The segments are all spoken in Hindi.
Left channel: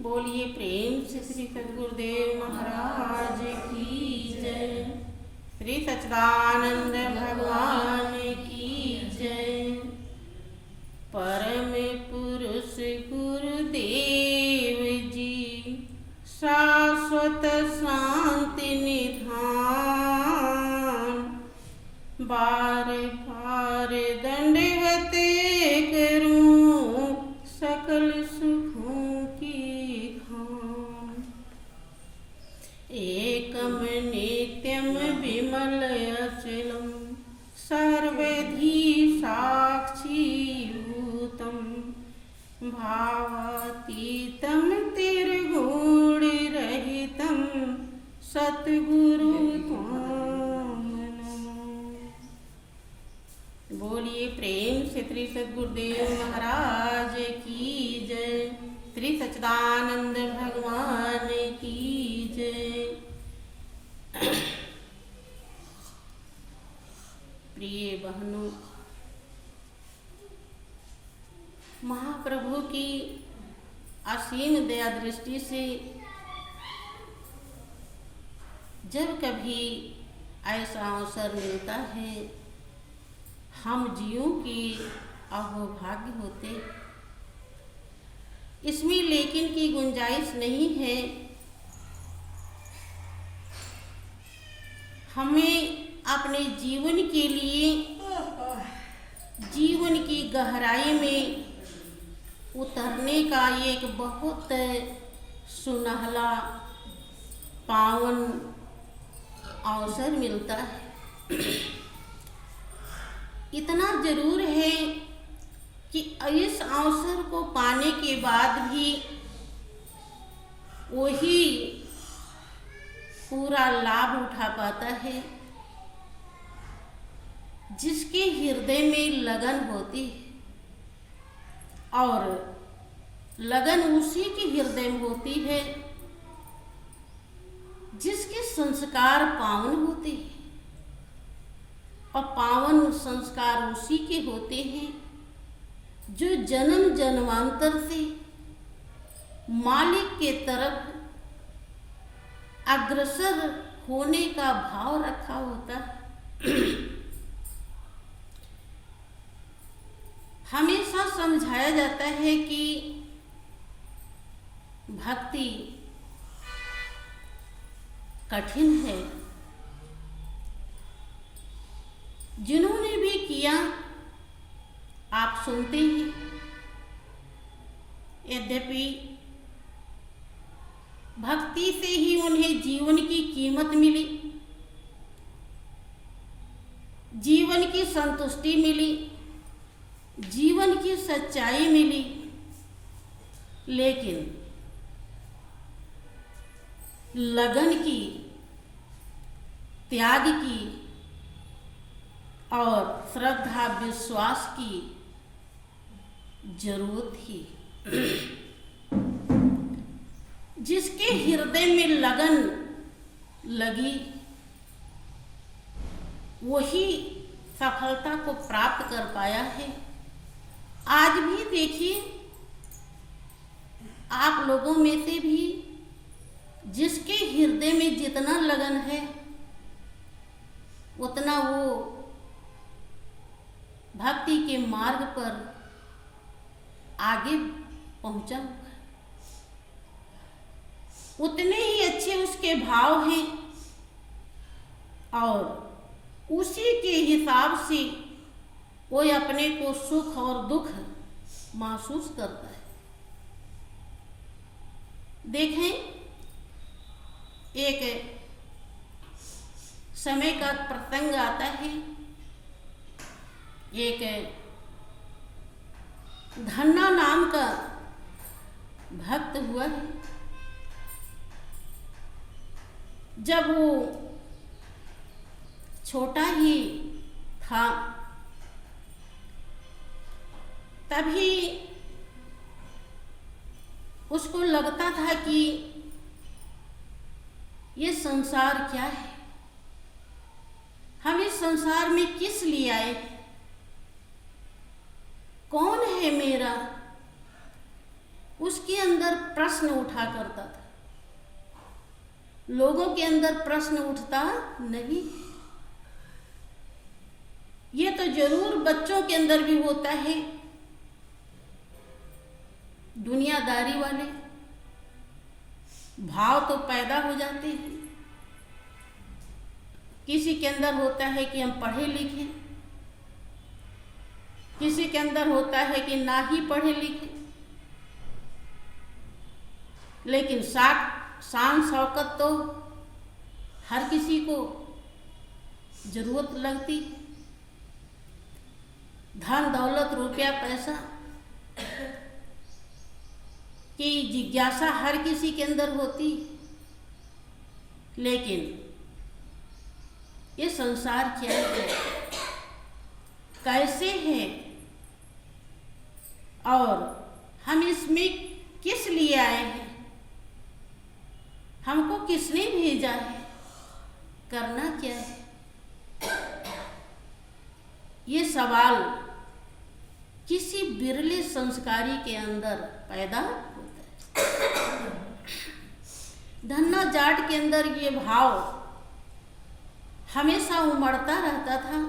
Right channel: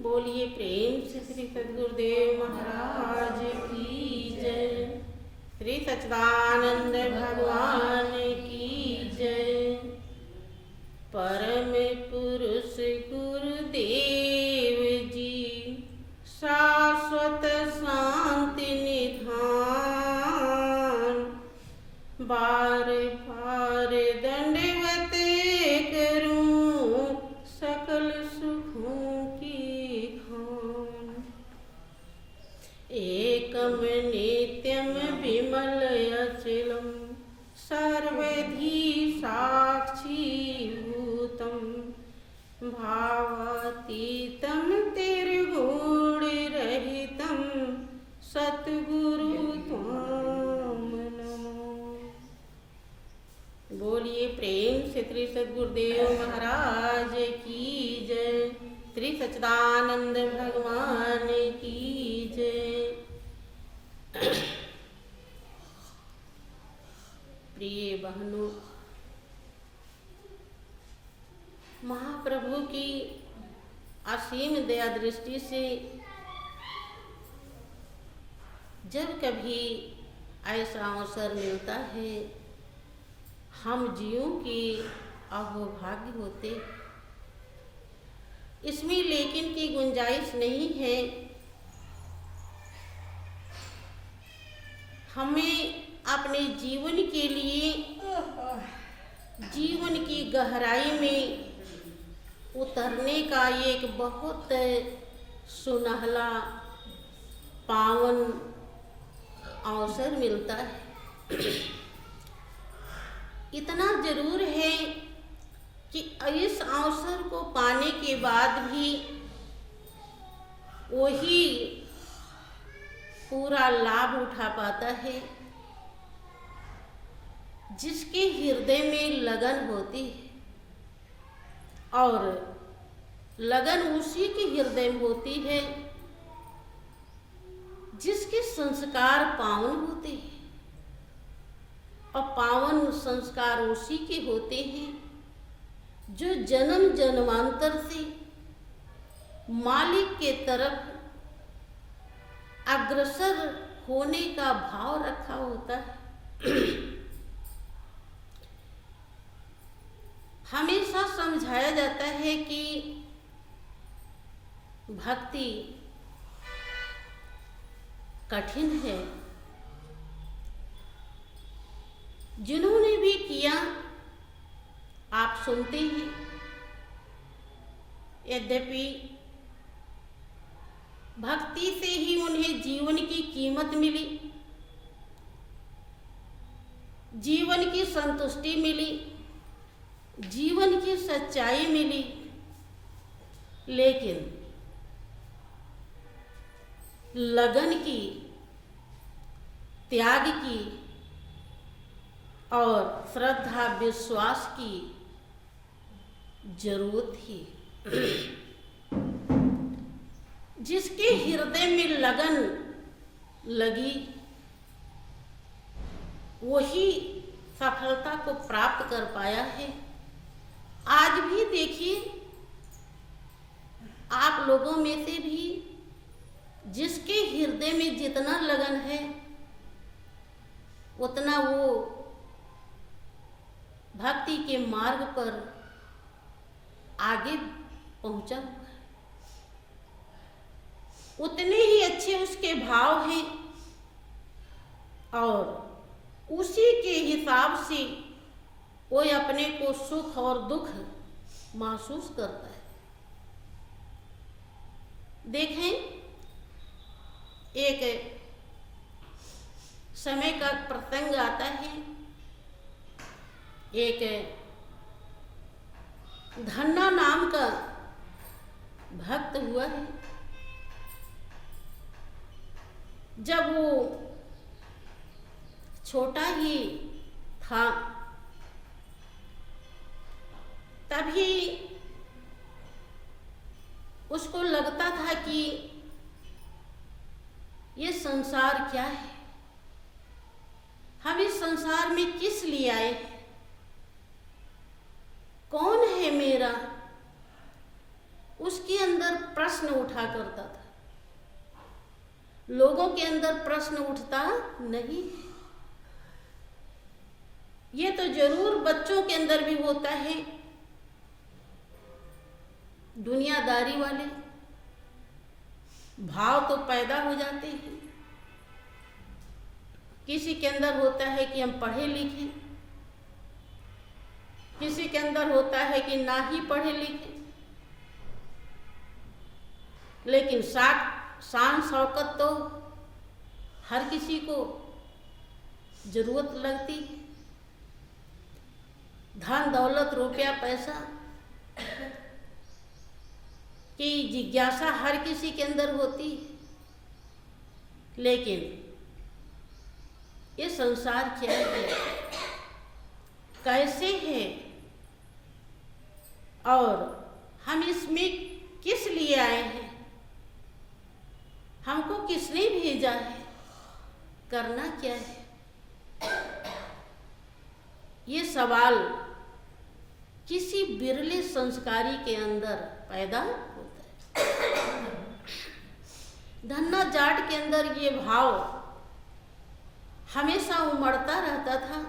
बोलिए प्रेम से श्री सद्गुरुदेव महाराज की जय। श्री सच्चिदानंद भगवान की जय। परम पुरुष गुरुदेव जी शाश्वत शांति निधान। बार बार दंडवत करूं सकल सुखों की खान। एकम नित्यम विमल अचलम सर्वधी साक्षी भूतम। भावातीतम तिर्गुण रहितम सतगुरु त्वाम नमो। बोलिए प्रेम से श्री सद्गुरुदेव महाराज की जय। श्री सच्चिदानंद भगवान की जय। प्रिय बहनों, महाप्रभु की असीम दया दृष्टि से जब कभी ऐसा अवसर मिलता है, हम जीवों की अहोभाग्य होते। इसमें लेकिन की गुंजाइश नहीं है। हमें अपने जीवन के लिए जीवन की गहराई में उतरने का एक बहुत सुनहला पावन अवसर मिलता है। इतना जरूर है कि इस अवसर को पाने के बाद भी वही पूरा लाभ उठा पाता है जिसके हृदय में लगन होती है, और लगन उसी के हृदय में होती है जिसके संस्कार पावन होते हैं, और पावन संस्कार उसी के होते हैं जो जन्म जन्मांतर से मालिक के तरफ अग्रसर होने का भाव रखा होता है। हमेशा समझाया जाता है कि भक्ति कठिन है। जिन्होंने भी किया आप सुनते हैं। यद्यपि भक्ति से ही उन्हें जीवन की कीमत मिली, जीवन की संतुष्टि मिली, जीवन की सच्चाई मिली, लेकिन लगन की, त्याग की और श्रद्धा विश्वास की जरूरत थी। जिसके हृदय में लगन लगी वही सफलता को प्राप्त कर पाया है। आज भी देखिए, आप लोगों में से भी जिसके हृदय में जितना लगन है उतना वो भक्ति के मार्ग पर आगे पहुंचा, उतने ही अच्छे उसके भाव हैं और उसी के हिसाब से वो अपने को सुख और दुख महसूस करता है। देखें, एक समय का प्रसंग आता है। एक धन्ना नाम का भक्त हुआ है। जब वो छोटा ही था तभी उसको लगता था कि ये संसार क्या है, हम इस संसार में किस लिए आए, कौन है मेरा, उसके अंदर प्रश्न प्रश्न उठा करता था। लोगों के अंदर प्रश्न उठता नहीं। ये तो जरूर बच्चों के अंदर भी होता है, दुनियादारी वाले भाव तो पैदा हो जाते हैं। किसी के अंदर होता है कि हम पढ़े लिखे, किसी के अंदर होता है कि ना ही पढ़े लिखे, लेकिन शान शौकत तो हर किसी को जरूरत लगती। धन दौलत रुपया पैसा की जिज्ञासा हर किसी के अंदर होती, लेकिन ये संसार क्या है, कैसे है, और हम इसमें किस लिए आए हैं, हमको किसने भेजा है, करना क्या है, ये सवाल किसी बिरले संस्कारी के अंदर पैदा होता है। धन्ना जाट के अंदर ये भाव हमेशा उमड़ता रहता था।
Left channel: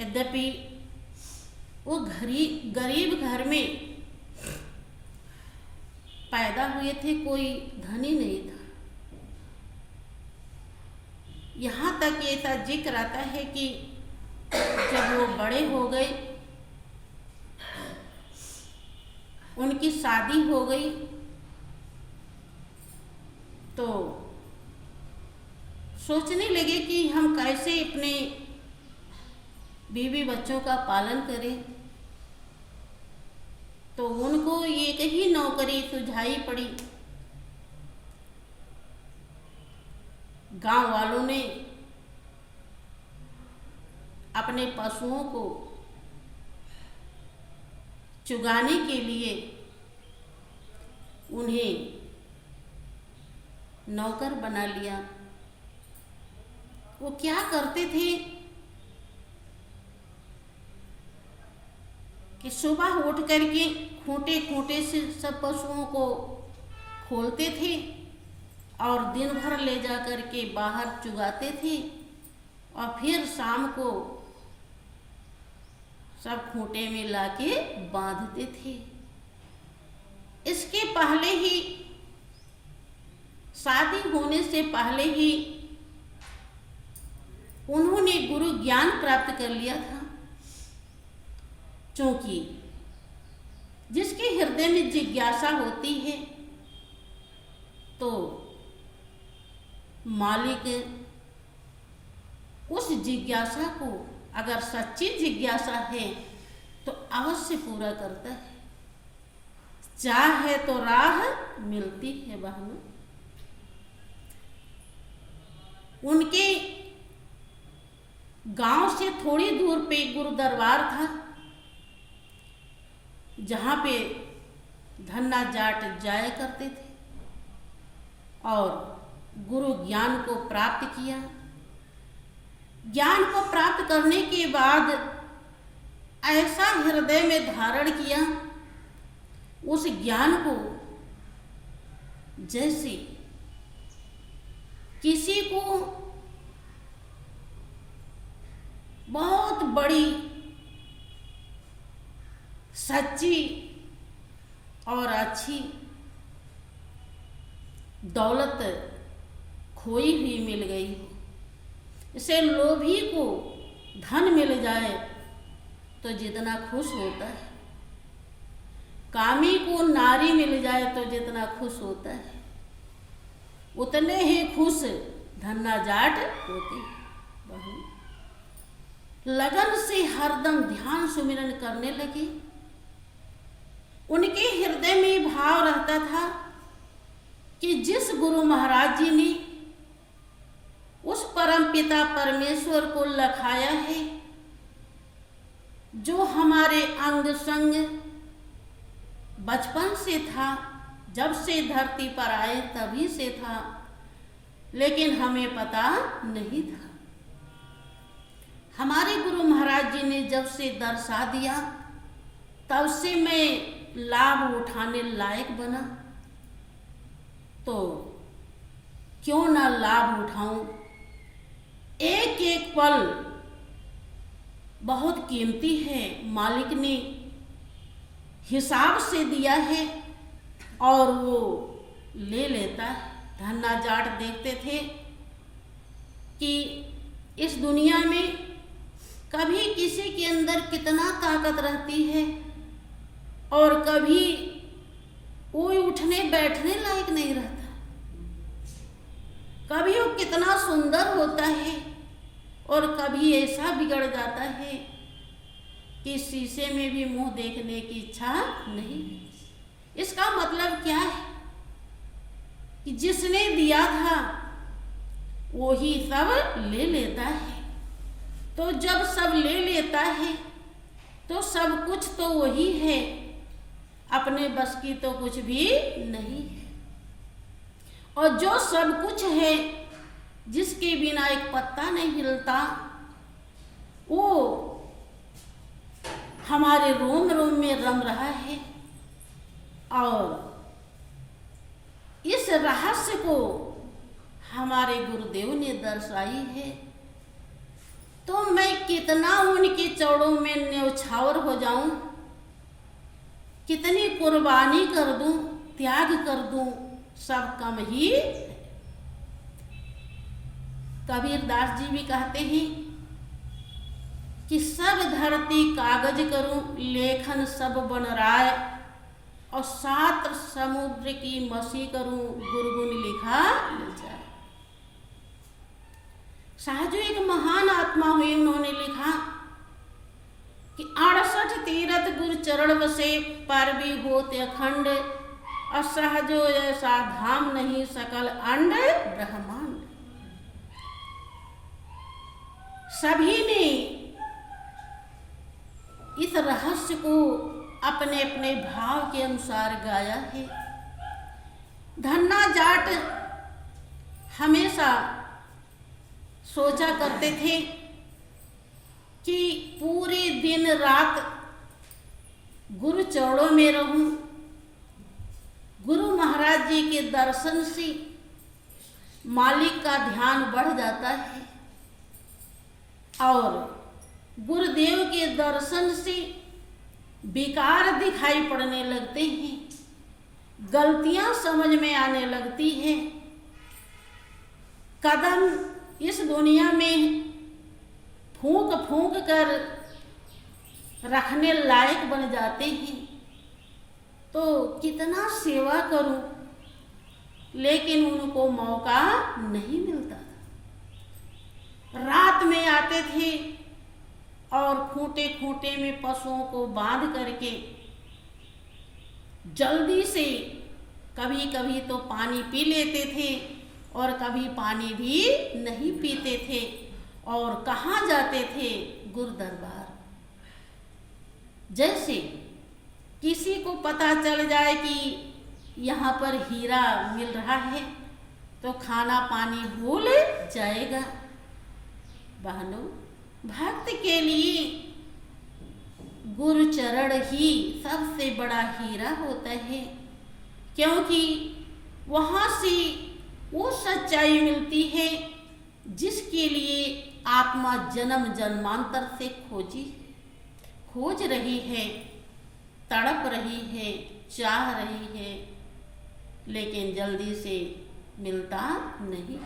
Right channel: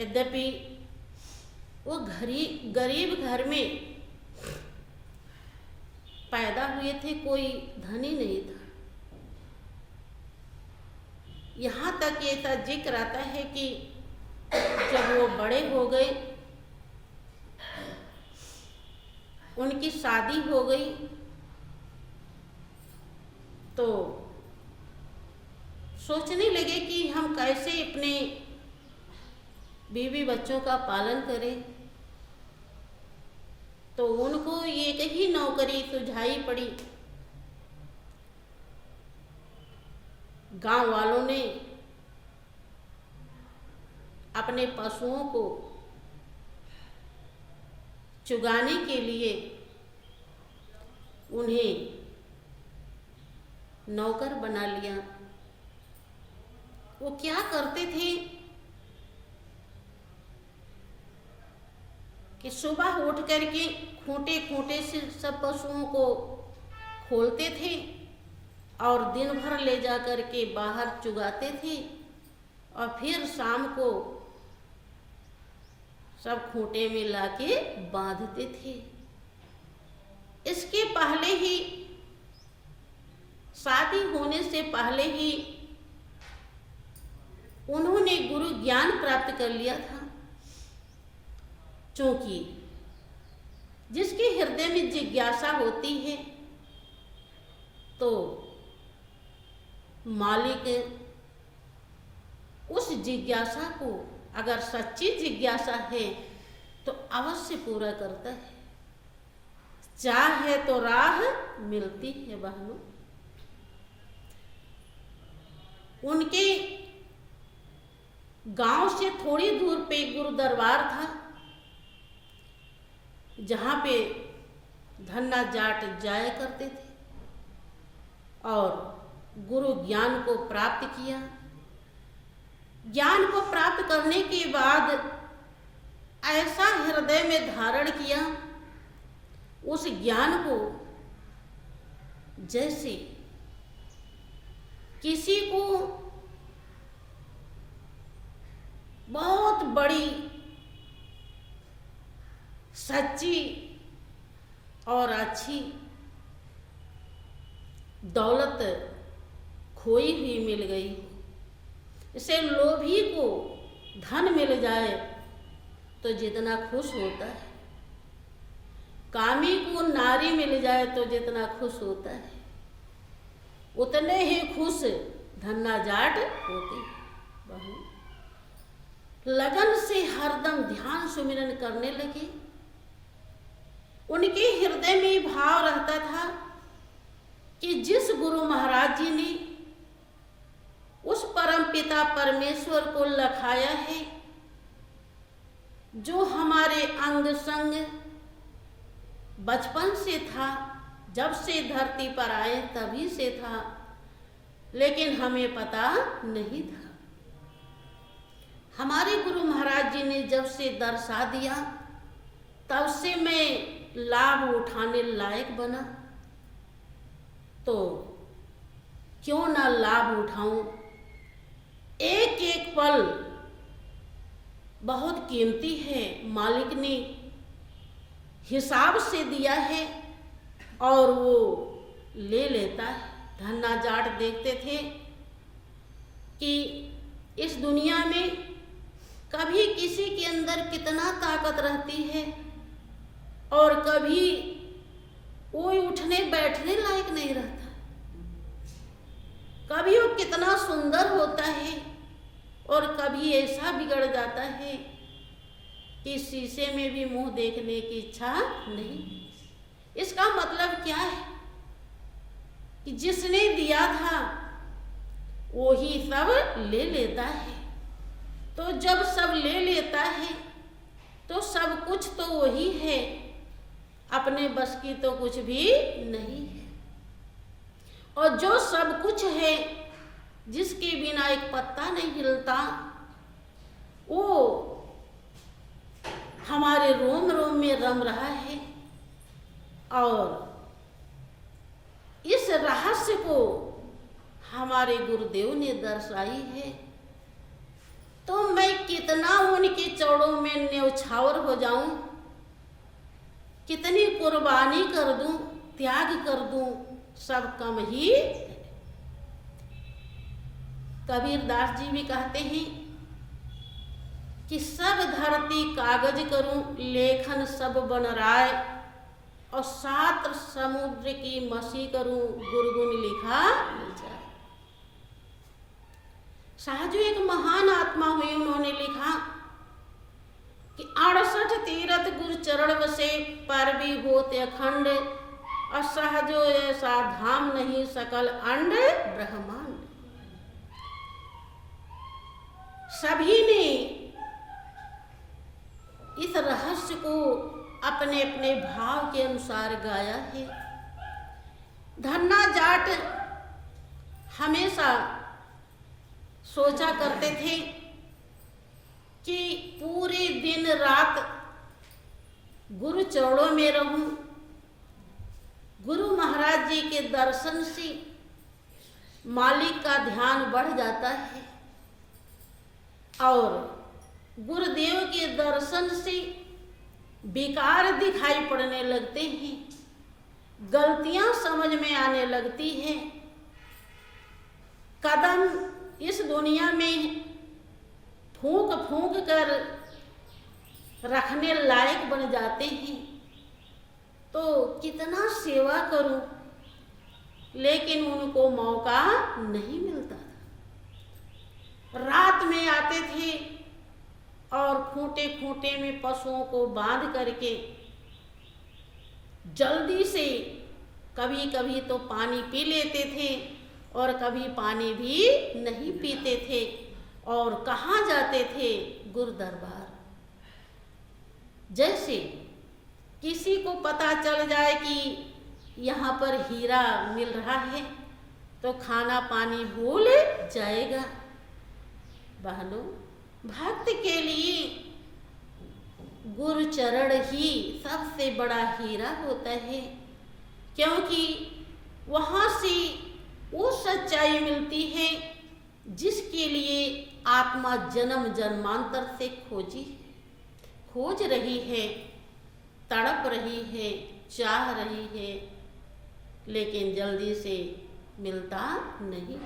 यद्यपि वो गरीब घर में पैदा हुए थे, कोई धनी नहीं था। यहाँ तक ऐसा जिक्र आता है कि जब वो बड़े हो गए, उनकी शादी हो गई, तो सोचने लगे कि हम कैसे अपने बीवी बच्चों का पालन करें। तो उनको एक ही नौकरी सुझाई पड़ी। गांव वालों ने अपने पशुओं को चुगाने के लिए उन्हें नौकर बना लिया। वो क्या करते थे कि सुबह उठ करके खूंटे खूंटे से सब पशुओं को खोलते थे और दिन भर ले जा करके बाहर चुगाते थे, और फिर शाम को सब खूंटे में लाके बांधते थे। इसके पहले ही, शादी होने से पहले ही उन्होंने गुरु ज्ञान प्राप्त कर लिया था, क्योंकि जिसके हृदय में जिज्ञासा होती है तो मालिक उस जिज्ञासा को, अगर सच्ची जिज्ञासा है तो अवश्य पूरा करता है। चाहे तो राह मिलती है बहनों। उनके गांव से थोड़ी दूर पे गुरु दरबार था, जहाँ पे धन्ना जाट जाया करते थे और गुरु ज्ञान को प्राप्त किया। ज्ञान को प्राप्त करने के बाद ऐसा हृदय में धारण किया, उस ज्ञान को जैसे किसी को बहुत बड़ी सच्ची और अच्छी दौलत खोई हुई मिल गई। इसे लोभी को धन मिल जाए तो जितना खुश होता है, कामी को नारी मिल जाए तो जितना खुश होता है, उतने ही खुश धन्ना जाट होते हैं। लगन से हरदम ध्यान सुमिरन करने लगे। उनके हृदय में भाव रहता था कि जिस गुरु महाराज जी ने उस परम पिता परमेश्वर को लखाया है, जो हमारे अंग संग बचपन से था, जब से धरती पर आए तभी से था, लेकिन हमें पता नहीं था। हमारे गुरु महाराज जी ने जब से दर्शा दिया, तब से मैं लाभ उठाने लायक बना तो क्यों ना लाभ उठाऊं। एक एक पल बहुत कीमती है, मालिक ने हिसाब से दिया है और वो ले लेता है। धन्ना जाट देखते थे कि इस दुनिया में कभी किसी के अंदर कितना ताकत रहती है और कभी कोई उठने बैठने लायक नहीं रहता। कभी वो कितना सुंदर होता है और कभी ऐसा बिगड़ जाता है कि शीशे में भी मुंह देखने की इच्छा नहीं। इसका मतलब क्या है कि जिसने दिया था वो ही सब ले लेता है। तो जब सब ले लेता है तो सब कुछ तो वही है, अपने बस की तो कुछ भी नहीं है। और जो सब कुछ है, जिसके बिना एक पत्ता नहीं हिलता, वो हमारे रोम रोम में रम रहा है। और इस रहस्य को हमारे गुरुदेव ने दर्शाई है। तो मैं कितना उनके चरणों में न्यौछावर हो जाऊं, कितनी कुर्बानी कर दूं, त्याग कर दूं, सब कम ही। कबीरदास जी भी कहते हैं कि सब धरती कागज करूं, लेखन सब बन राय, और 7 समुद्र की मसी करूं, गुरगुन लिखा मिल जाए। सहजू एक महान आत्मा हुई, उन्होंने लिखा कि 68 तीरथ गुरु चरण बसे, पर भी होते अखंड, असहजो ऐसा धाम नहीं सकल अंड ब्रह्मांड। सभी ने इस रहस्य को अपने अपने भाव के अनुसार गाया है। धन्ना जाट हमेशा सोचा करते थे कि पूरे दिन रात गुरु चरणों में रहूं। गुरु महाराज जी के दर्शन से मालिक का ध्यान बढ़ जाता है और गुरुदेव के दर्शन से विकार दिखाई पड़ने लगते हैं, गलतियां समझ में आने लगती हैं, कदम इस दुनिया में फूंक फूंक कर रखने लायक बन जाते हैं। तो कितना सेवा करूं, लेकिन उनको मौका नहीं मिलता। रात में आते थे और खूंटे खूंटे में पशुओं को बांध करके जल्दी से कभी कभी तो पानी पी लेते थे और कभी पानी भी नहीं पीते थे। और कहाँ जाते थे? गुरु दरबार। जैसे किसी को पता चल जाए कि यहाँ पर हीरा मिल रहा है तो खाना पानी भूल जाएगा। बहनों, भक्त के लिए गुरु चरण ही सबसे बड़ा हीरा होता है, क्योंकि वहाँ से वो सच्चाई मिलती है जिसके लिए आत्मा जन्म जन्मांतर से खोज रही है, तड़प रही है, चाह रही है, लेकिन जल्दी से मिलता नहीं।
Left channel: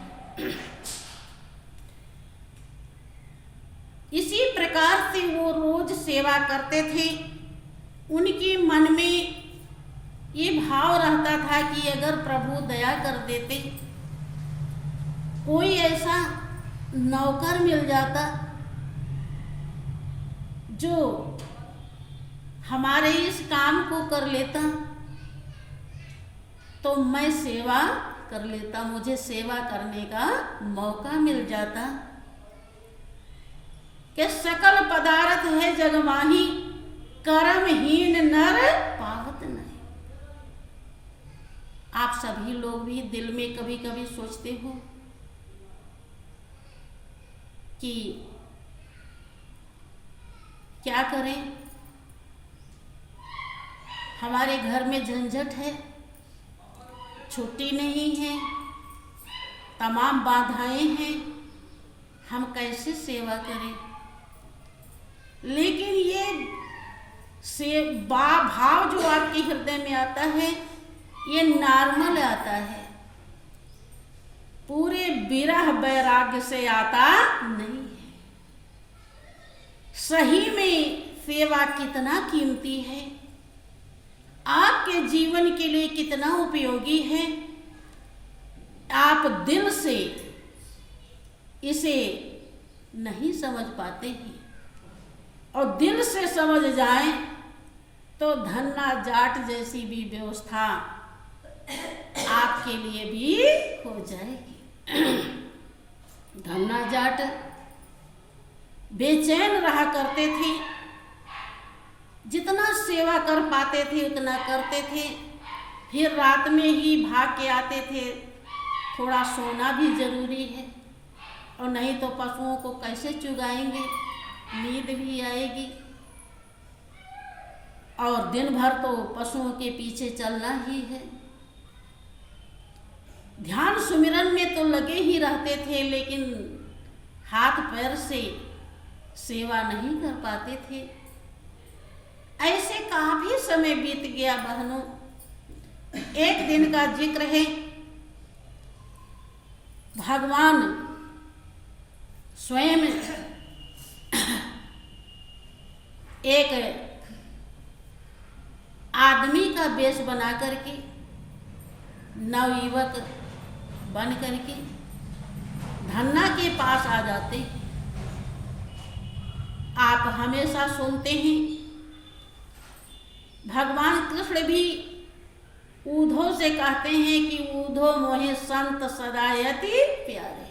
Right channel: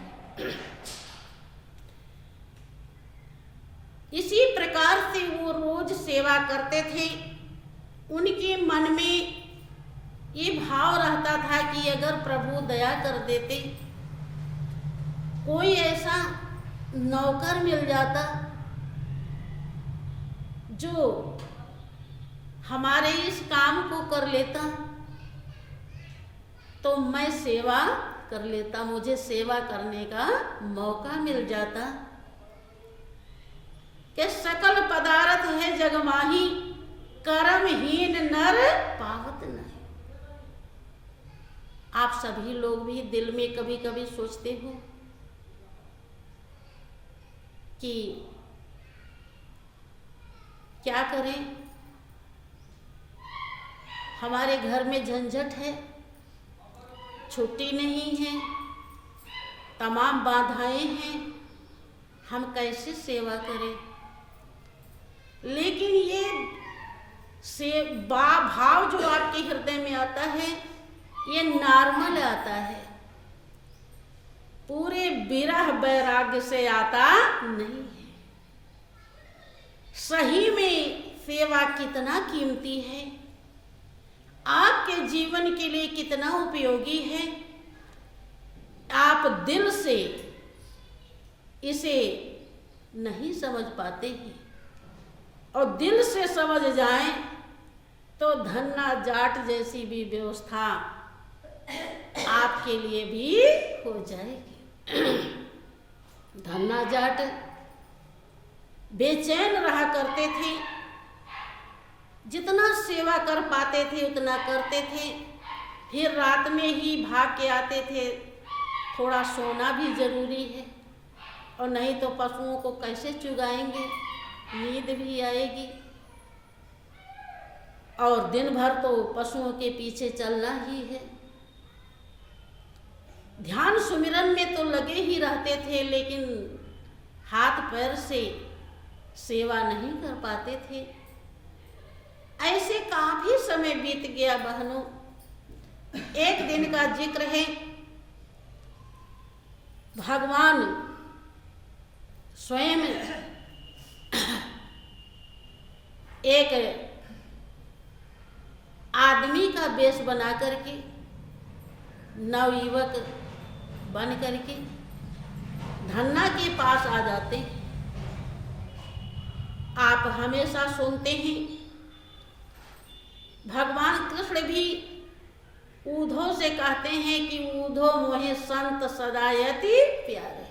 इसी प्रकार से वो रोज सेवा करते थे। उनके मन में ये भाव रहता था कि अगर प्रभु दया कर देते, कोई ऐसा नौकर मिल जाता जो हमारे इस काम को कर लेता तो मैं सेवा कर लेता, मुझे सेवा करने का मौका मिल जाता। कि सकल पदार्थ है जग माही, कर्महीन नर पावत नहीं। आप सभी लोग भी दिल में कभी कभी सोचते हो कि क्या करें, हमारे घर में झंझट है, छुट्टी नहीं है, तमाम बाधाएं हैं, हम कैसे सेवा करें। लेकिन ये भाव जो आपके हृदय में आता है, ये नॉर्मल आता है, पूरे विरह वैराग्य से आता नहीं है। सही में सेवा कितना कीमती है, आपके जीवन के लिए कितना उपयोगी है, आप दिल से इसे नहीं समझ पाते हैं। और दिल से समझ जाएं तो धन्ना जाट जैसी भी व्यवस्था आपके लिए भी हो जाएगी। धन्ना जाट बेचैन रहा करते थे, जितना सेवा कर पाते थे उतना करते थे, फिर रात में ही भाग के आते थे। थोड़ा सोना भी जरूरी है, और नहीं तो पशुओं को कैसे चुगाएंगे, नींद भी आएगी, और दिन भर तो पशुओं के पीछे चलना ही है। ध्यान सुमिरन में तो लगे ही रहते थे, लेकिन हाथ पैर से सेवा नहीं कर पाते थे। ऐसे काफी समय बीत गया बहनों। एक दिन का जिक्र है, भगवान स्वयं एक आदमी का वेश बना करके, नवयुवक बन करके धन्ना के पास आ जाते। आप हमेशा सुनते हैं भगवान कृष्ण भी ऊधो से कहते हैं कि ऊधो मोहे संत सदायति प्यारे।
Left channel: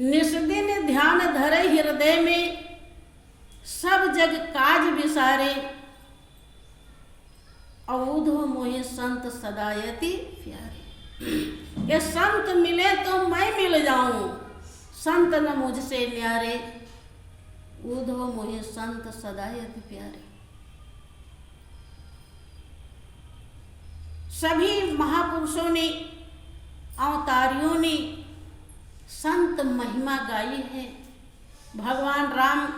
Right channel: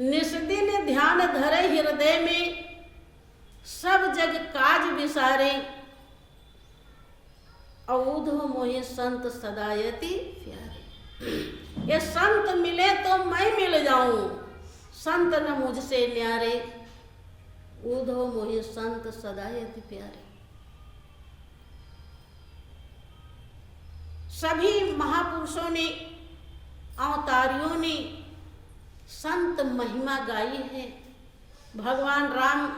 निस्दिन ध्यान धरे हृदय में, सब जग काज विसारे, ऊधो मोहे संत सदायति प्यारे। ये संत मिले तो मैं मिल जाऊं, संत न मुझसे न्यारे, ऊधो मोहे संत सदायति प्यारे। सभी महापुरुषों ने, अवतारियों ने संत महिमा गाई है। भगवान राम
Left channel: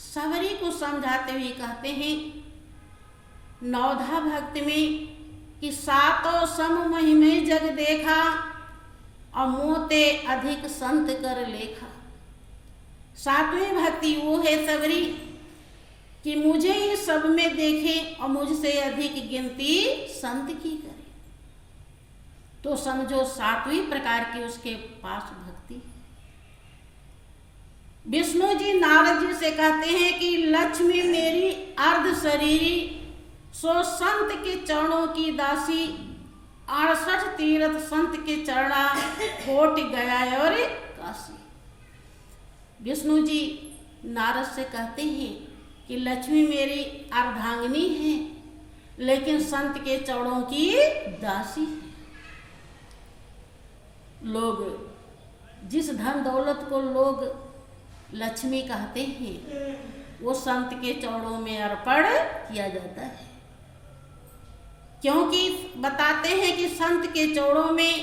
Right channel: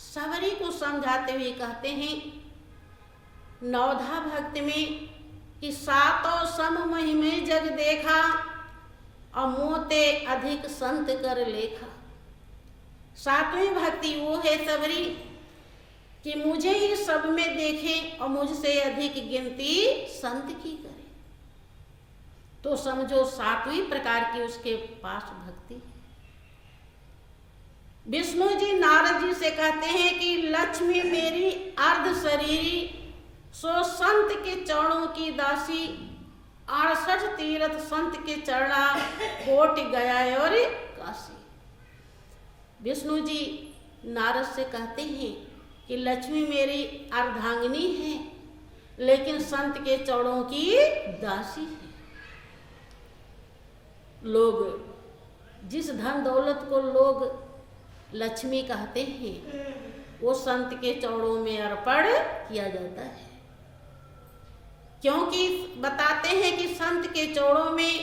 सबरी को समझाते हुए कहते हैं नवधा भक्ति में कि सातों सम महिमे जग देखा, अमोते अधिक संत कर लेखा। सातवीं भक्ति वो है सबरी कि मुझे ये सब में देखे और मुझसे अधिक गिनती संत की करे। तो समझो सातवीं प्रकार की उसके पास भक्ति। विष्णु जी नारद जी से कहते हैं कि लक्ष्मी मेरी अर्ध शरीरी, सो संत के चरणों की दासी, 68 तीर्थ संत के चरणा, कोट गया और काशी। विष्णु जी नारद से कहते हैं कि लक्ष्मी मेरी अर्धांगिनी है, लेकिन संत के चरणों की दासी है। लोग जिस धन दौलत को लोग लक्ष्मी कहते हैं, वो संत के चरणों में अर्पण किया जाता है, क्योंकि बताते हैं कि संत के चरणों में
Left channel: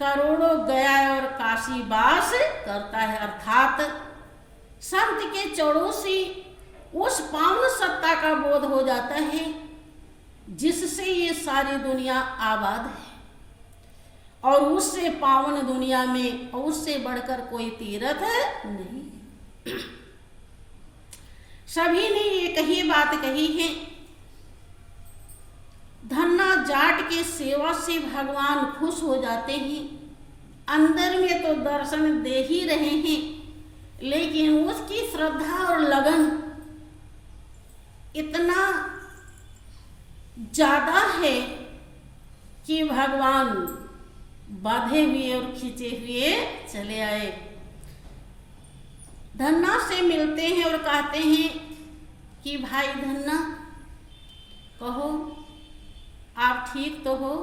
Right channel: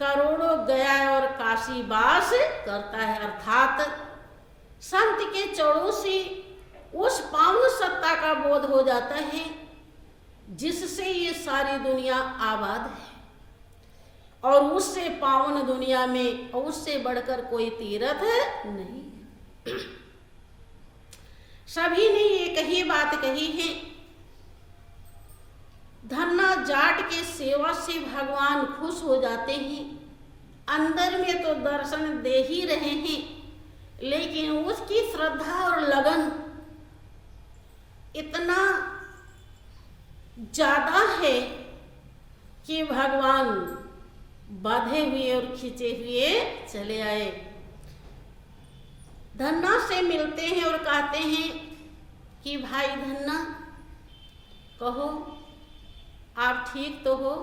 करोड़ों गया और काशी वास करता है। अर्थात संत के चरणों से उस पावन सत्ता का बोध हो जाता है जिससे ये सारी दुनिया आबाद है, और उससे पावन दुनिया में और उससे बढ़कर कोई तीर्थ नहीं। सभी ने एक ही बात कही है, धन्ना जाट के सेवा से भगवान खुश हो जाते हैं। अंदर में तो दर्शन दे ही रहे हैं, लेकिन उसकी श्रद्धा और लगन इतना ज्यादा है कि भगवान बांधे हुए और खींचे हुए चले आए। धन्ना से मिलते हैं और कहते हैं कि भाई धन्ना, कहो आप ठीक तो हो?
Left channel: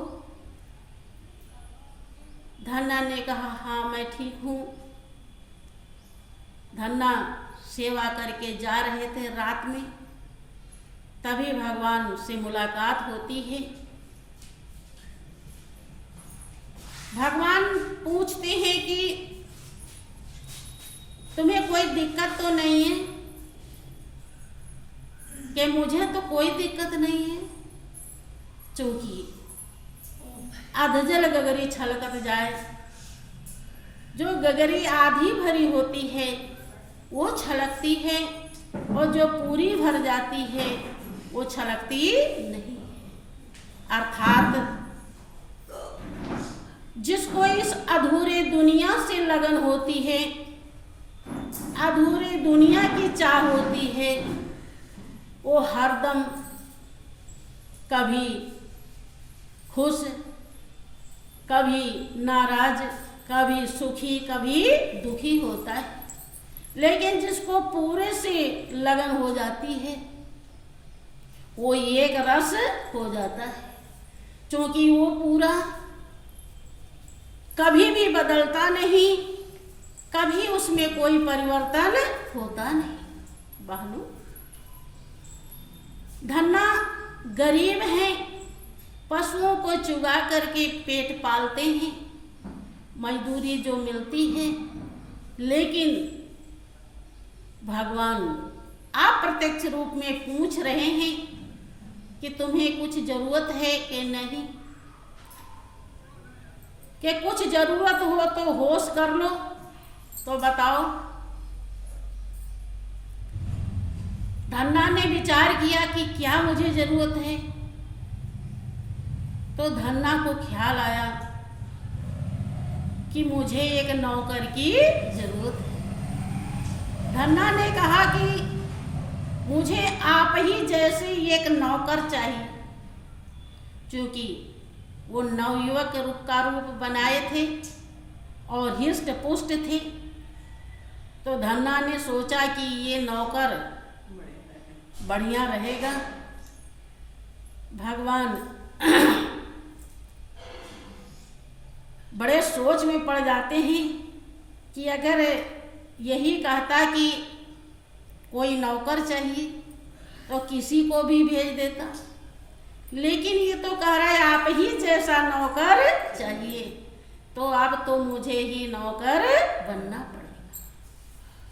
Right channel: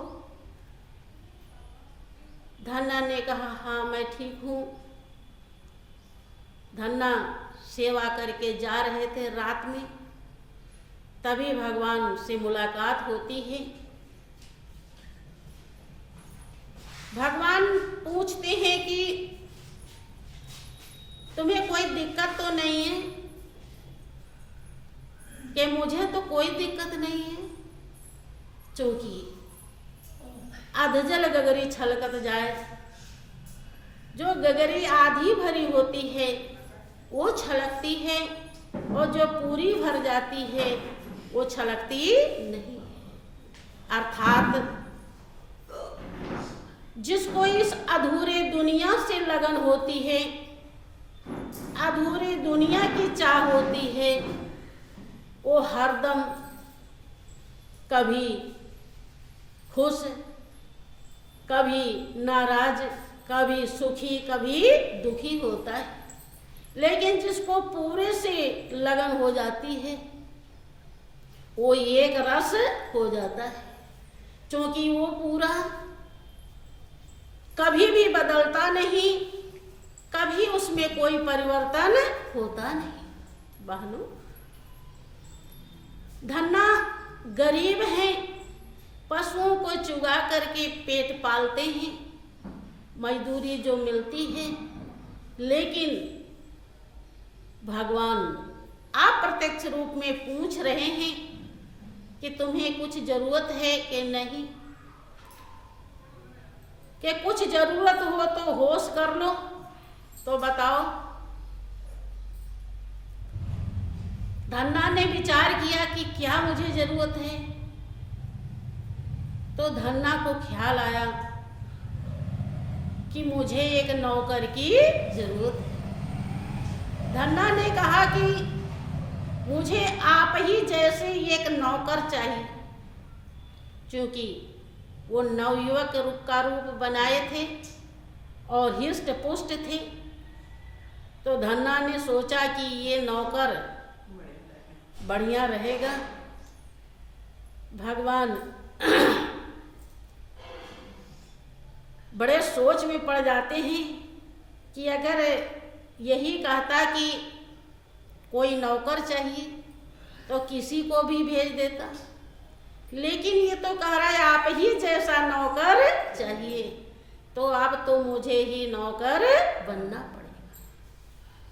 धन्ना ने कहा हाँ मैं ठीक हूँ। धन्ना सेवा करके जा रहे थे रात में, तभी भगवान से मुलाकात होती है। भगवान पूछते हैं कि तुम्हें कोई दिक्कत तो नहीं है? कि मुझे तो कोई दिक्कत नहीं है, क्योंकि अधजल गगरी छलकत जाए। जो गगरी आधी भरी होती है वो छलकती है, और जो पूरी भर जाती है वो छलकती नहीं। अर्थात जिसको इस अधूरे दुनिया से लगन होती है, अधूरे दुनिया की चाह होती है, वो हरदम कभी खुश, कभी नाराज, कभी सुखी, कभी दुखी होता है। लेकिन जिसको पूरे से लगन हो जाती है वो एक रस हो जाता है, क्योंकि वो पूरा कभी भी बदलता नहीं, कभी उसमें कोई परिवर्तन होता नहीं। बहनों, धन्ना गरीब हैं, पशुओं को चुगा करके पेट पालते हैं, मजदूरी जो मिलती है, लेकिन भगवान अप्रत्यक्ष रूप में पूछ रहे हैं कि तुम्हें कुछ जरूरत है कि नहीं, कि कुछ जरूरत हो तो होश कर लो, तो बताओ। धन्ना ने विचार किया कि क्या मुझे जरूरत है, तो धन्ना को ख्याल आया कि मुझे एक नौकर की जरूरत है। धन्ना ने कहा कि मुझे आप ही जैसे एक नौकर चाहिए, क्योंकि वो नवयुवक का रूप बनाए थे और हिष्ट पुष्ट थे। तो धन्ना ने सोचा कि ये नौकर बढ़िया रहेगा। भगवान बड़े सोच में पड़ जाते हैं कि अगर यही कहता कि कोई नौकर चाहिए तो किसी को भी भेज देता, लेकिन ये तो कह रहा है आप ही जैसा नौकर चाहिए, तो अब तो मुझे ही नौकर बनना पड़ेगा।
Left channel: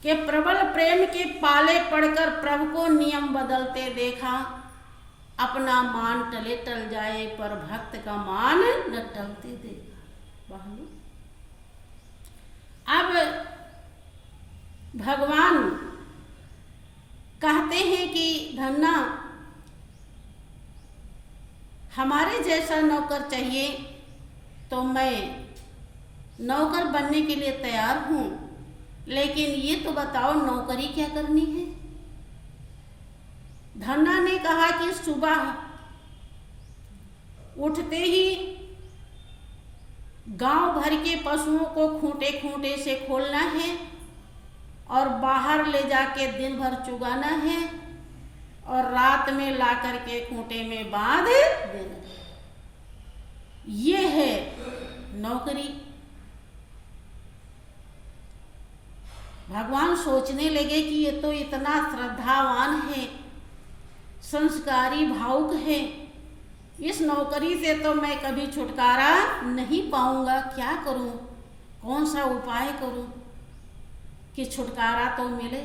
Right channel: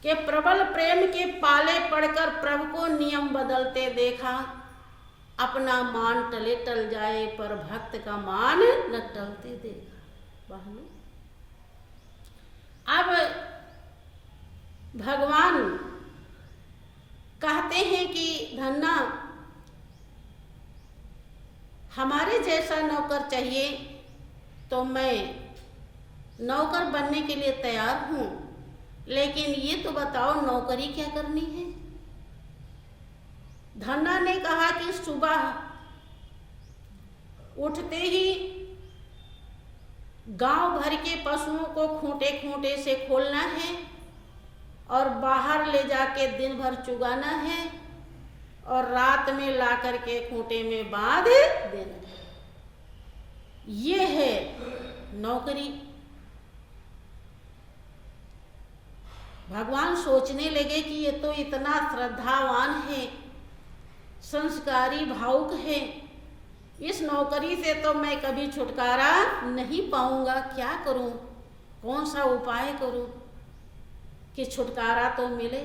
कि प्रबल प्रेम के पाले पड़कर प्रभु को नियम बदलते देखा, अपना मान टले टल जाए पर भक्त का मान न टलते देखा। अब भगवान कहते हैं कि धन्ना हमारे जैसा नौकर चाहिए, तो मैं नौकर बनने के लिए तैयार हूँ, लेकिन ये तो बताओ नौकरी क्या करनी है। धन्ना ने कहा कि सुबह उठते ही गांव भर के पशुओं को खूंटे खूंटे से खोलना है और बाहर ले जाके दिन भर चुगाना है और रात में ला करके खूंटे में बांध देना। ये है नौकरी। भगवान सोचने लगे कि ये तो इतना श्रद्धावान है, संस्कारी भावुक है, इस नौकरी से तो मैं कभी छुटकारा नहीं पाऊंगा। क्या करूं, कौन सा उपाय करूं कि छुटकारा तो मिले।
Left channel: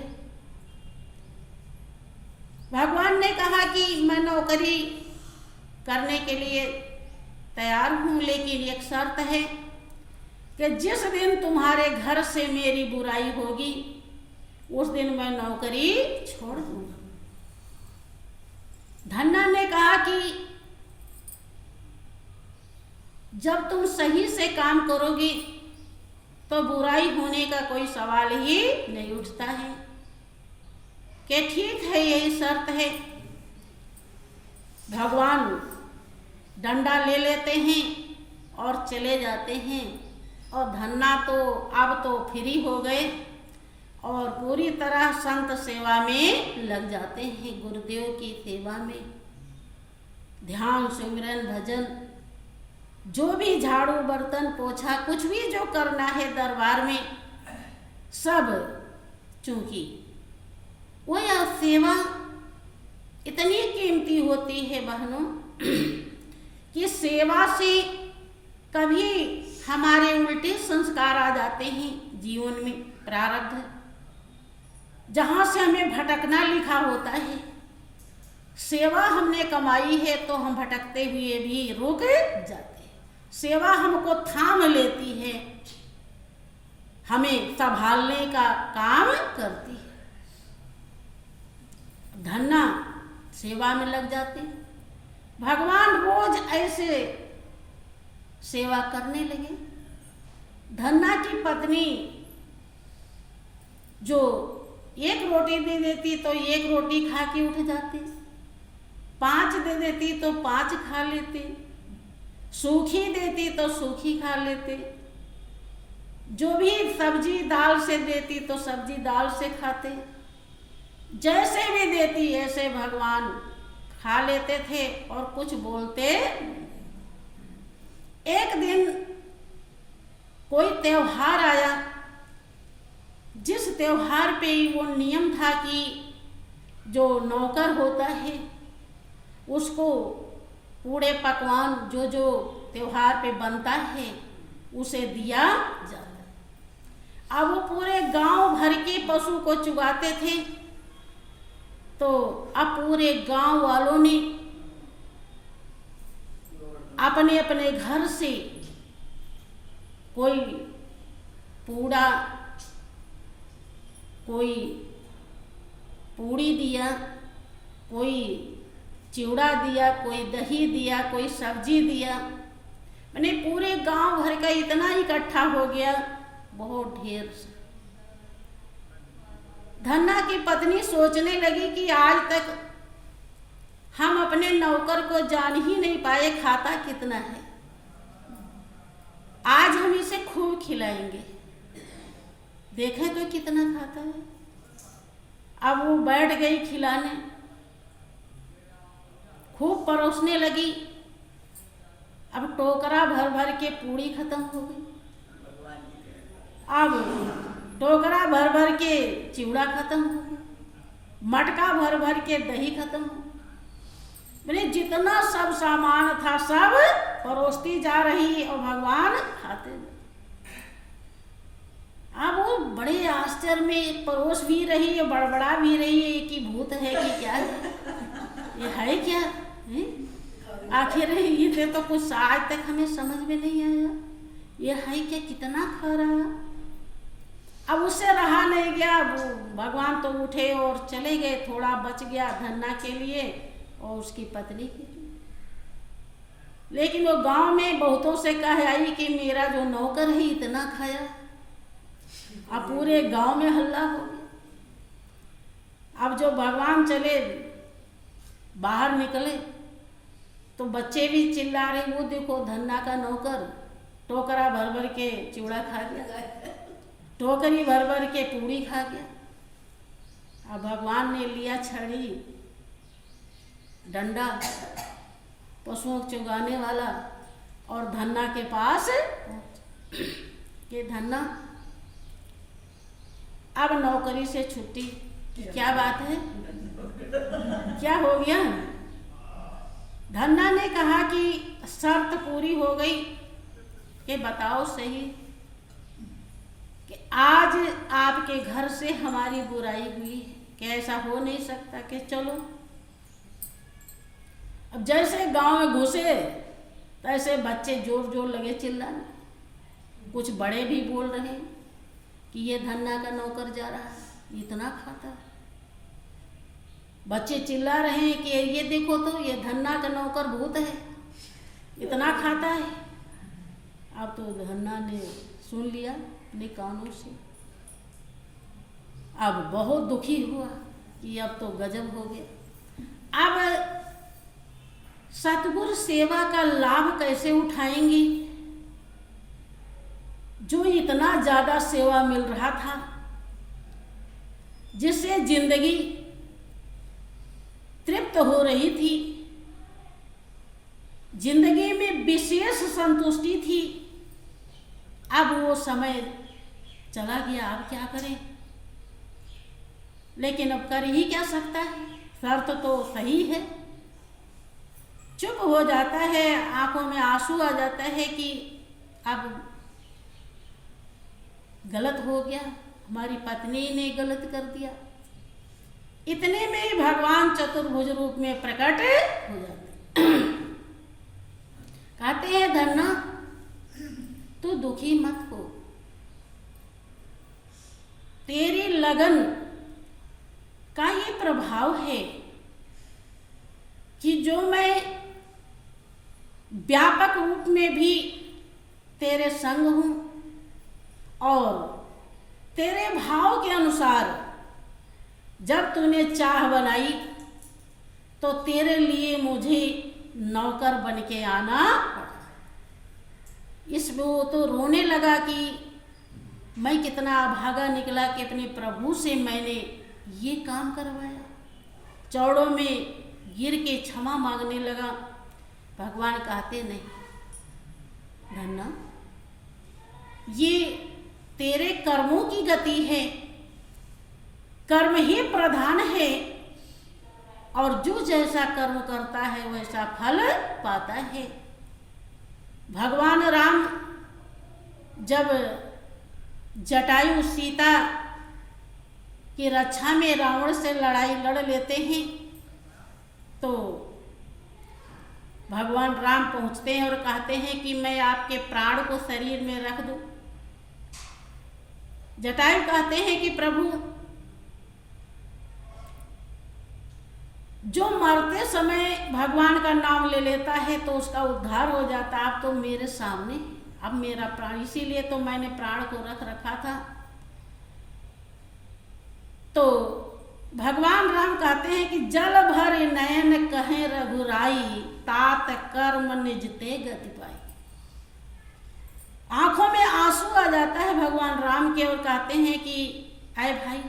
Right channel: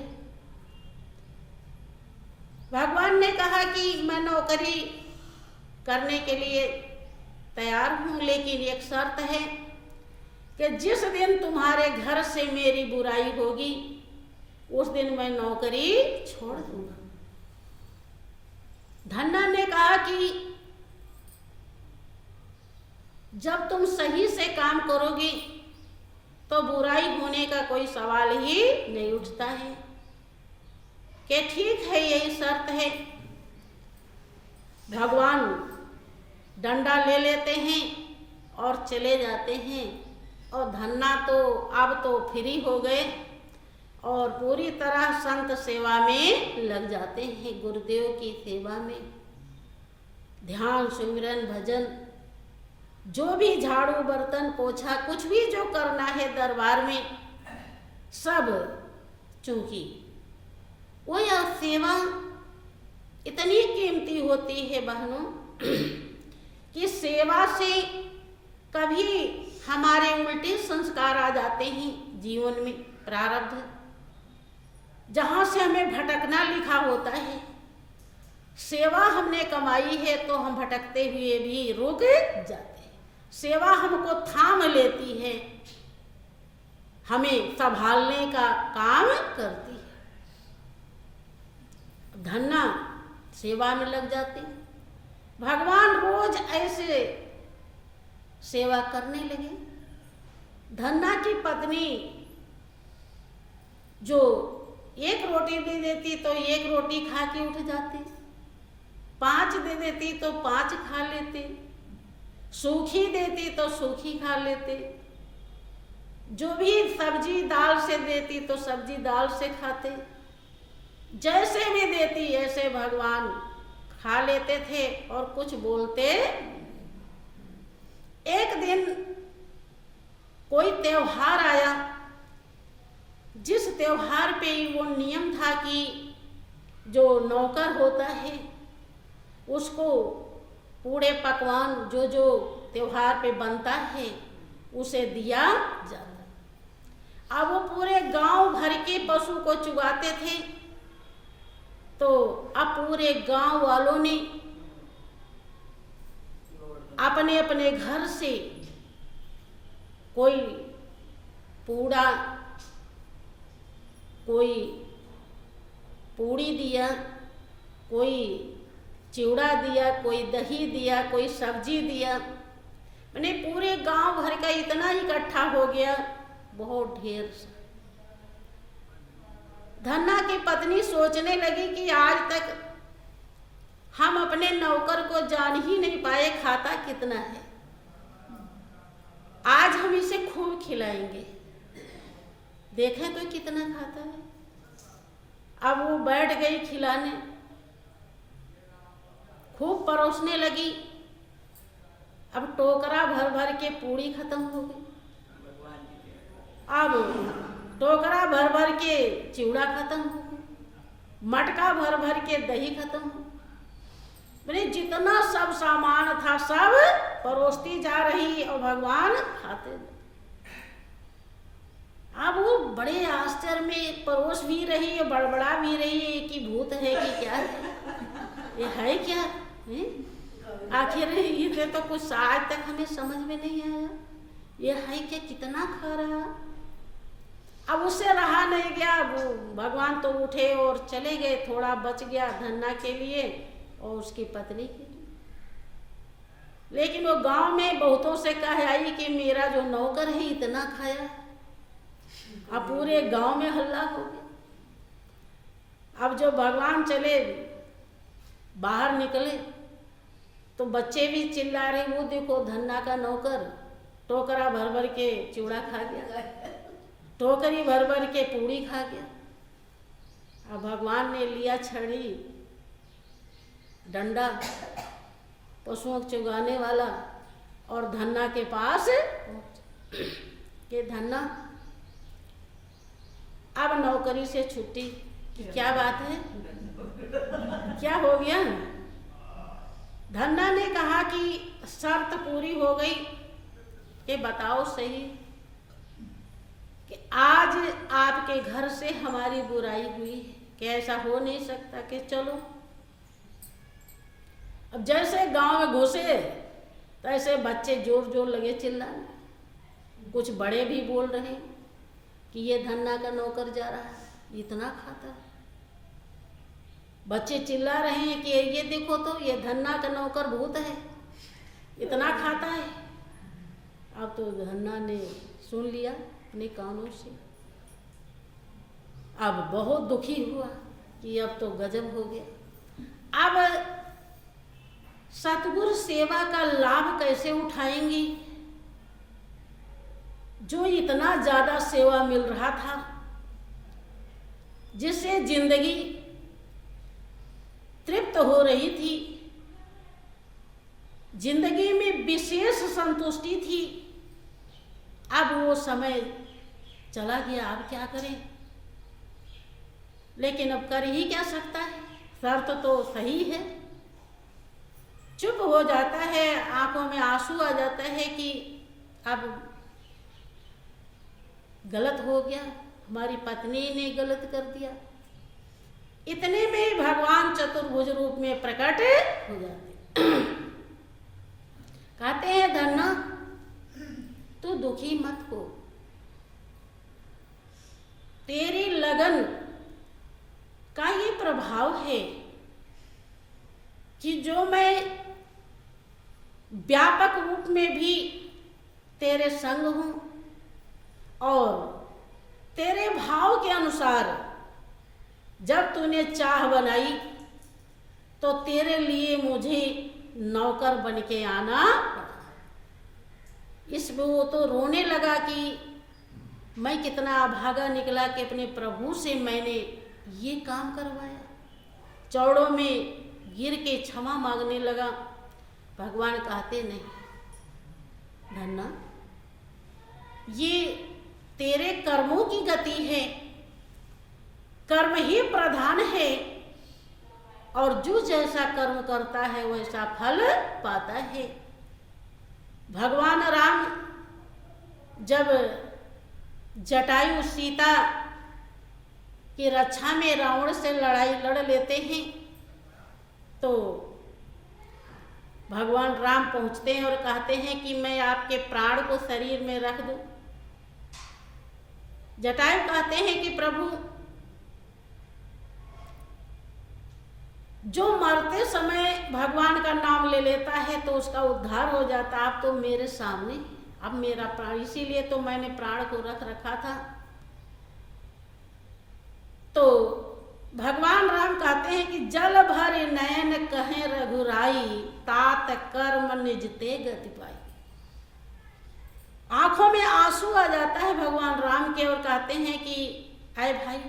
भगवान ने कहा कि मैं नौकरी करने के लिए तैयार हूं, लेकिन एक शर्त है कि जिस दिन तुम्हारे घर से मेरी बुराई होगी उस दिन मैं नौकरी छोड़ दूंगा। धन्ना ने कहा कि जब तुम सही से काम करोगी तो बुराई होने का कोई सवाल ही नहीं उठता है। कि ठीक है, यही शर्त है। भगवान डंडा ले लेते हैं और चले जाते हैं, और धन्ना तो अब तो फ्री हो गए और पूरी तरह संत सेवा में लग जाते हैं, गुरुदेव की सेवा में। ध्यान, सिमरन, भजन, जो भी झाड़ू बर्तन पोछा कुछ भी जो करना है दरबार में, सब, चूंकि वो यह सेवा इतनी कीमती होती है बहनों कि सेवा से कभी हमारे उल्टे संस्कार आ जाते हैं जीवन में, प्रारब्ध जहाँ से हमें भटकना लिखा होता है। सेवा हमने कमाई है तो हम भटकते हुए भी रुक जाते हैं। सेवा हमको थाम लेती है, हमें संभालने का काम करती है। धन्ना सेवा में लग जाते हैं। भगवान रोज ऐसे सेवा करने लगे। धन्ना की पत्नी जो एक रोटी दे देती तो एक रोटी खा के उठ जाते, 5 दे देती तो 5 खा लेते, सूखी देती तो सूखी खा लेते, जो भी सब्जी दाल से देती तो सब्जी दाल से खाते, जैसे भी देती ऐसे भगवान खा लेते थे और कुछ बोलते। एक दिन कोई त्योहार आया, जिस त्योहार पे वो नियम था कि जो नौकर होता है उसको पूरे पकवान जो जो त्योहार पे बनता है उसे दिया जाता। अब वो पूरे गांव भर के पशु को चुगाते थे, तो अब पूरे गांव वालों ने अपने अपने घर से कोई पूड़ा, कोई पूड़ी दिया, कोई चिवड़ा दिया, कोई दही दिया, कोई सब्जी दिया। मैंने पूरे गांव भर का इतना इकट्ठा हो गया, बहुत ढेर से। धन्ना की पत्नी सोचने लगी कि आज तक हम अपने नौकर को जान ही नहीं पाए खाता कितना है, आज हम इसे खूब खिलाएंगे, देखें तो कितना खाता है। अब वो बैठ गई खिलाने, खूब परोसने लगी। अब टोकरा भर भर के पूड़ी खत्म हो गई, अब टोकरा भर भर के चिवड़ा खत्म हो गया, मटका भर भर के दही खत्म हो। मैंने जितना सब सामान था सब परोसती जा रही और भगवान खाते गए। अब वो बड़े आश्चर्य में परोस भी रही है, बड़बड़ा भी रही है कि भूत है कि क्या है, ये है क्या है? आखिर ये तो कुछ आज तक हमें समझ में नहीं आया, ये है क्या, कितना खा रहा। अब उससे रहा नहीं गया, वो भगवान तो उठे और चले गए। थोड़ा बच गया धन्ना के लिए और उसकी पत्नी के लिए, लेकिन वो गांव में बहुतों से कह आई कि मेरा जो नौकर है इतना खाया। अब पूरे गांव में हल्ला हो गया। अब जो भगवान चले बाहर निकले तो बच्चे भी चिल्ला रहे, वो देखो धन्ना का नौकर टोकरा भर भर के चिवड़ा खा गया, टोकरी भर भर के पूड़ी खा गया। अब भगवान ने लिया छड़ी, डंडा, पशुओं को चुगाने वाला, और धन्ना के पास के धन्ना अब नौकरी से छुट्टी। क्या बात है, क्या हो गया? धन्ना ने कहा कि शर्त पूरी हो गई कि बताओ सही कि आज आपके घर से हमारी बुराई हुई है, कि ऐसा हो नहीं सकता कि चलो। अब जैसे गांव में घुसे तैसे बच्चे जोर जोर लगे चिल्लाने, कुछ बड़े भी बोल रहे हैं कि ये धन्ना का नौकर जा रहा है, इतना खाता है। बच्चे चिल्ला रहे हैं कि ये देखो तो ये धन्ना का नौकर भूत है, इतना खाता है। अब तो धन्ना ने सुन लिया अपने कानों से, अब बहुत दुखी हुआ कि अब तो गजब हो गया। अब सतगुरु सेवा का लाभ कैसे उठाएंगी? जो इतना ज्यादा सेवा मिल रहा था, जिससे जिंदगी तृप्त हो रही थी, जिंदगी में विशेष संतुष्टि थी, अब वो समय चला गया। अब क्या करें? लेकिन अब कर ही क्या सकता है, शर्त तो सही है। चुप हो जाता है, आंखों में आंसू आ जाता है कि अब गलत हो गया, हमारी पत्नी ने गलत कर दिया। इतने में ही भगवान चतुर्भुज रूप में प्रकट हो जाते। कहते हैं धन्ना तू दुखी मत हो, तेरी लगन का ये प्रभाव है कि जो मैं व्यापक रूप में भी तेरे संग हूं और तेरे भाव के अनुसार जब तूने चाह बनाई तो तेरे लिए मुझे नौकर बन के आना पड़ा। इसमें वो तो रोने लगा कि मैं कितना अभागा निकला कि अपने प्रभु से मैंने ये काम करवाया। चौड़ों में गिर के क्षमा मांगने लगा। भगवान कहते नहीं धन्ना, ये तेरे कर्मों की गति है, कर्म ही प्रधान है और जो जैसा कर्म करता है वैसा फल पाता है। भगवान राम जब जटायु सीता की रक्षा में रावण से लड़ाई लड़ लेते हैं तो भगवान राम पहुंचते हैं और कहते हैं कि मैं आपके प्राण को शरीर में रख दूं। जटायु कहते हैं कि प्रभु, जो मरते समय भगवान का नाम ले लेता है तो उसका उद्धार हो जाता। आप तो मेरे सामने, अब मेरा प्राण, इसीलिए तो मैंने प्राण को रख रखा था। तो भगवान राम कहते हैं कि जल भर नयन कहें रघुराई, तात कर्म निज ते गति पाई। आंखों में आंसू आ जाता है भगवान राम के और कहते हैं कि आए भाई,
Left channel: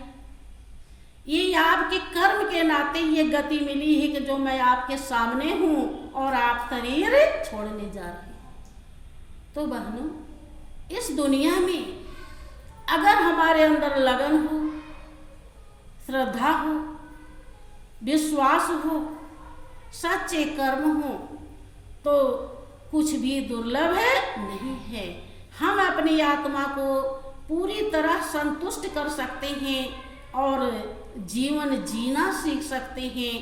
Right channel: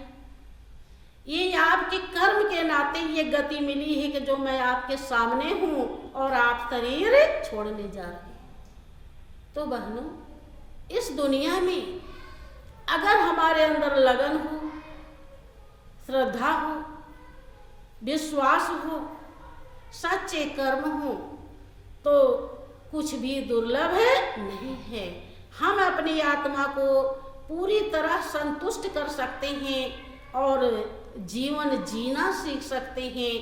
ये आपके कर्म के नाते ये गति मिली है कि जो मैं आपके सामने हूं और आप शरीर छोड़ने जा रहे हैं। तो बहनों, इस दुनिया में अगर हमारे अंदर लगन हो, श्रद्धा हो, विश्वास हो, सच्चे कर्म हो तो कुछ भी दुर्लभ नहीं है। हम अपनी आत्मा को पूरी तरह संतुष्ट कर सकते हैं और जीवन जीना सीख सकते हैं।